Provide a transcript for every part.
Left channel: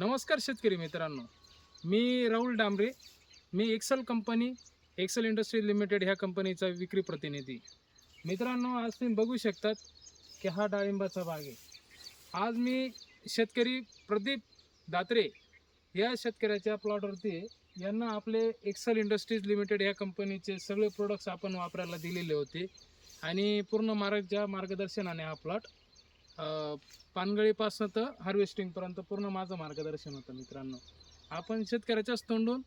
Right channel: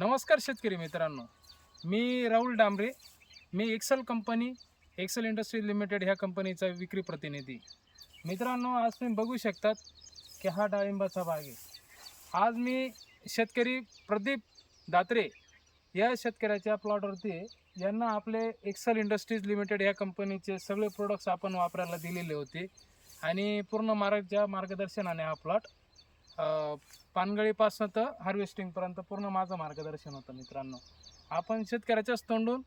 नमस्कार शेतकरी मित्रांनो, मी राहुल डांबरे. मी Excel company, Excel industry limited ह्या कंपनीचा विक्री प्रतिनिधी. मित्रांनो, आज तुम्ही बघू शकतात की हा डाळिंबाचा बाग आहे. आज मी शेतकरी प्रदीप दात्रे या शेतकऱ्याच्या प्लॉटवरती यांना आपले एक्सेल इंडस्ट्रीज लिमिटेड ह्या कंपनीचे सगळे प्रोडक्ट्स आपण वापरायला दिलेले होते आणि पूर्ण मार्गदर्शनाने हा प्लॉट पानगळीपासून तर हार्वेस्टिंगपर्यंत पूर्ण माझं मार्गदर्शन होतं. मित्रांनो, आपण शेतकऱ्याच्याच तोंडून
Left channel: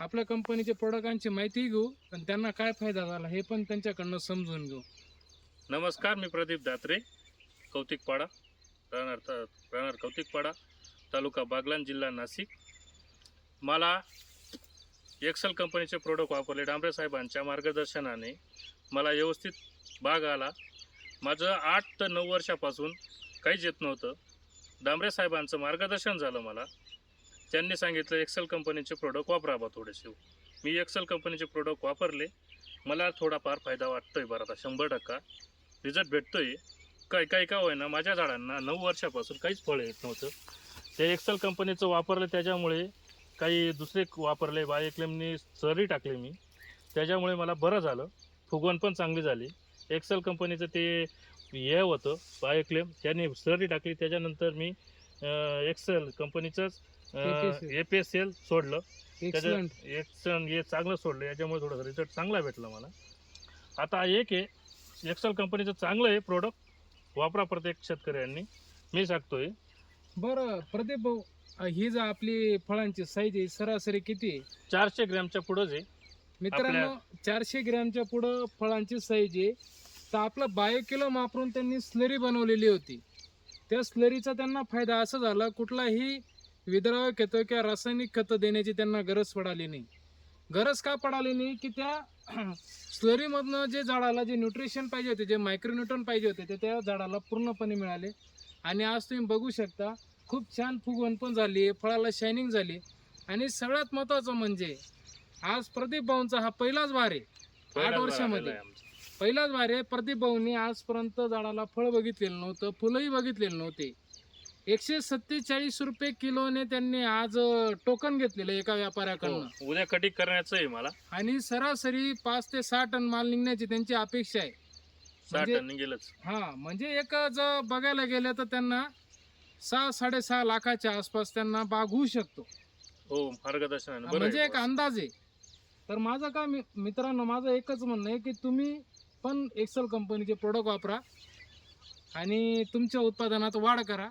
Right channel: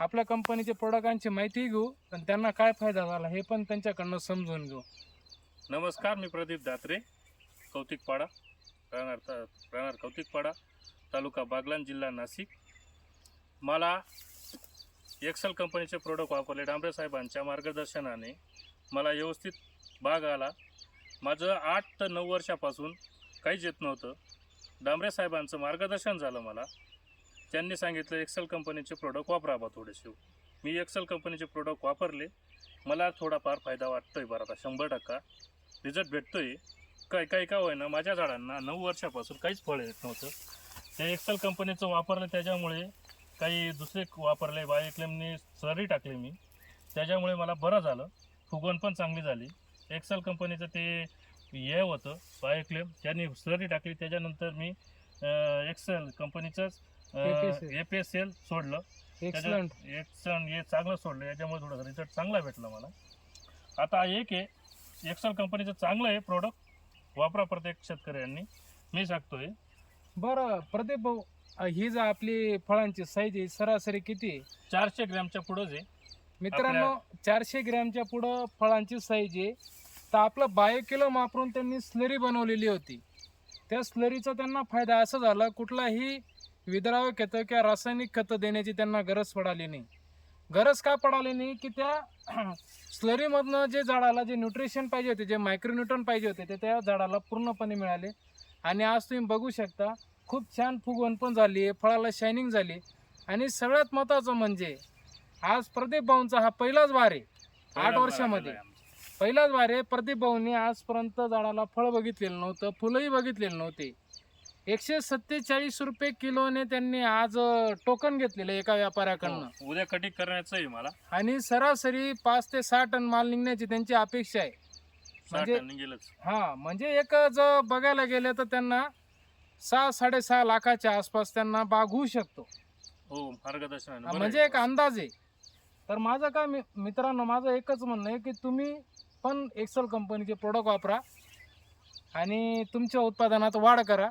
आपल्या कंपनीचे प्रोडक्टांची माहिती घेऊ आणि त्यांना काय फायदा झाला हे पण त्यांच्याकडनं समजून घेऊ. नमस्कार, मी प्रदीप दात्रे, कौतिकपाडा, राहणार कौतिकपाडा, तालुका बागलाण, जिल्हा नाशिक. मला एक्सेल कंपनीचे प्रोडक्ट वापरले. डांबरे साहेबांच्या मार्गदर्शनाने मला व्यवस्थित बाग आला. माझं 8 ते 9 वर्षापासून काहीच येत नव्हतं. डांबरे साहेबांचं मार्गदर्शन झालं मला. त्यांनी सांगितलं एक्सेल कंपनीचे प्रोडक्ट वापरा बा थोडेसे. मी एक्सेल कंपनीचे प्रोडक्ट वापरले. मला थोडाफार फायदा वाटतोय बरं, आता 100% रिझल्ट भेटतोय. काही का होईना माझ्या झाडांना 9 वर्षापासून काहीच फळ येत नव्हतं. ते एक्सेल कंपनीचं वापरलं, त्याच्यामुळे काही दुसरे वापरले, बायोक्लेमनी सरी टाकले मी, त्याच्यामुळे मला बरं झालं. फुगवण पण चांगली झाली. एक्सेल कंपनीचं ते हे होतं बायोक्लेम, त्यांनी सरी टाकली. त्याच्यानंतर मी एक्सेल कंपनीचंच APSL सोडलं. एक्सलंट. हे चांगलं सोडलं. याच्यामुळे थोडं रिझल्ट चांगला भेटला मला. आता एक आहे एक्सेल कंपनीचं चांगलं आहे प्रोडक्ट, वापरा प्रत्येक शेतकऱ्यांनी, मी सांगतोय. बरं प्रदीप भाऊ, ही जर आपली फळांची साईज आहे सरासरी किती आहे? 400 ग्रॅमच्या पुढंच आहे मित्रांनो, 400 ग्रॅमच्या पुढं फळांची साईज आहे. तर आपलं बायोकिलो वापरून त्यांनी स्लरी बनवलेली होती. त्या स्लरीचा त्यांना फायदा असा झाला, कुठलाही विद्रावक खतं किंवा रासायनिक खतं देण्याची त्यांना गरज पडाली नाही. गरज का पडाली नाही की त्या स्लरीमधनं जे झाडाला जे न्यूट्रिशन पाहिजे होते, जे मायक्रोन्यूट्रन पाहिजे होते, ते त्या झाडाला पूर्णपणे मिळाले. आणि आज तुम्ही बघू शकता खूप छान फुगवण पण झाली आहे, फळाला शायनिंग झाली. आणि सगळ्यात महत्त्वाचं म्हणजे आज प्रदीप भाऊंचा हा पहिलाच वार आहे. 8 वर्षामध्ये पहिलाच वार आहे. प्रदीप भाऊंनी आजपर्यंत झाडाला फळ बघितलेलं नव्हतं, फुलंही बघितलेले नव्हते. 147 रुपये किलोने त्यांनी आज टोकन घेतलेलं एका व्यापाऱ्याकडनं. उद्या कटिंग करण्याचं आहे मला. आणि सरासरी 5 ते 6 टन माल निघण्याची त्यांची अपेक्षा आहे. 6 टन गेलंच. म्हणजे एक जर बघायला गेलं तर त्यांना 6-6.5 लाखाच्या आसपास त्यांना बाग होऊ शकतो. हो, मार्गदर्शन म्हणजे एक अंदाज आहे. तर माझं काय मित्रांनो, माझं एकच म्हणणं आहे की तुम्ही पण एक्सेल कंपनीचे प्रोडक्ट वापरा आणि तुमच्या उत्पादनात वाढ करा.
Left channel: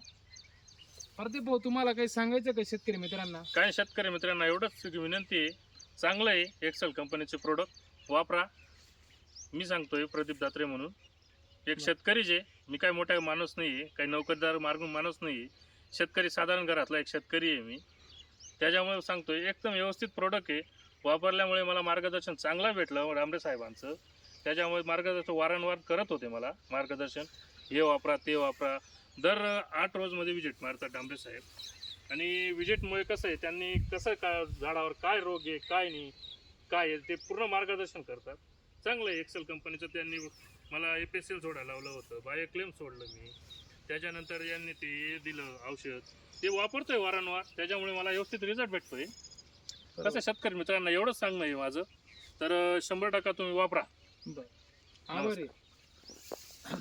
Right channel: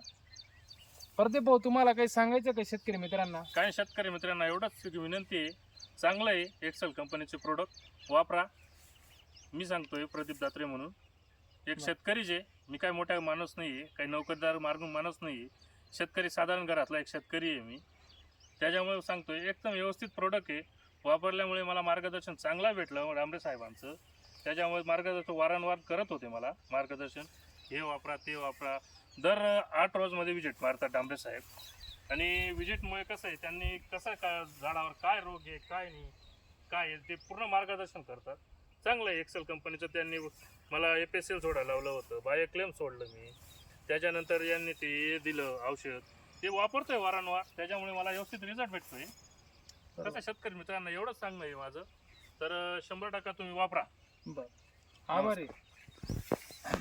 प्रदीप भाऊ, तुम्हाला काही सांगायचं का शेतकरी मित्रांना? काय शेतकरी मित्रांना एवढंच विनंती आहे, चांगलं आहे एक्सेल कंपनीचे प्रोडक्ट वापरा. मी सांगतोय प्रदीप दात्रे म्हणून, एक शेतकरीच आहे. मी काय मोठा माणूस नाही आहे, काही नोकरदार माणूस नाही आहे. शेतकरी, साधारण घरातला एक शेतकरी आहे मी. त्याच्यामुळे सांगतोय एकदम व्यवस्थित प्रोडक्ट आहे. वापरल्यामुळे मला मार्गदर्शन चांगला भेटलं डांबरे साहेबांचं. त्याच्यामुळे मार्गदर्शन वारंवार करत होते मला मार्गदर्शन, हे वापरा ते वापरा. दर 8 रोजमध्ये विजिट मारतात डांबरे साहेब. आणि विजिटमुळे कसं आहे, त्यांनी कसं काय झाडावर काय रोग आहे, काय नाही, काय आहे ते पूर्ण मार्गदर्शन करतात. चांगलं आहे एक्सेल कंपनीचं. त्यांनी मला APSL सोडायला लावलं होतं, बायोक्लेम सोडलं मी. त्याच्यानंतर यांनी ते दिलं औषध, ते वापरतोय वारंवार. त्याच्यामुळे मला व्यवस्थित रिझल्ट भेटतोय. कसं शेतकरी मित्रांना एवढंच सांगणं आहे माझं. तर 100% तुम्ही वापरा. बरं, आभारी.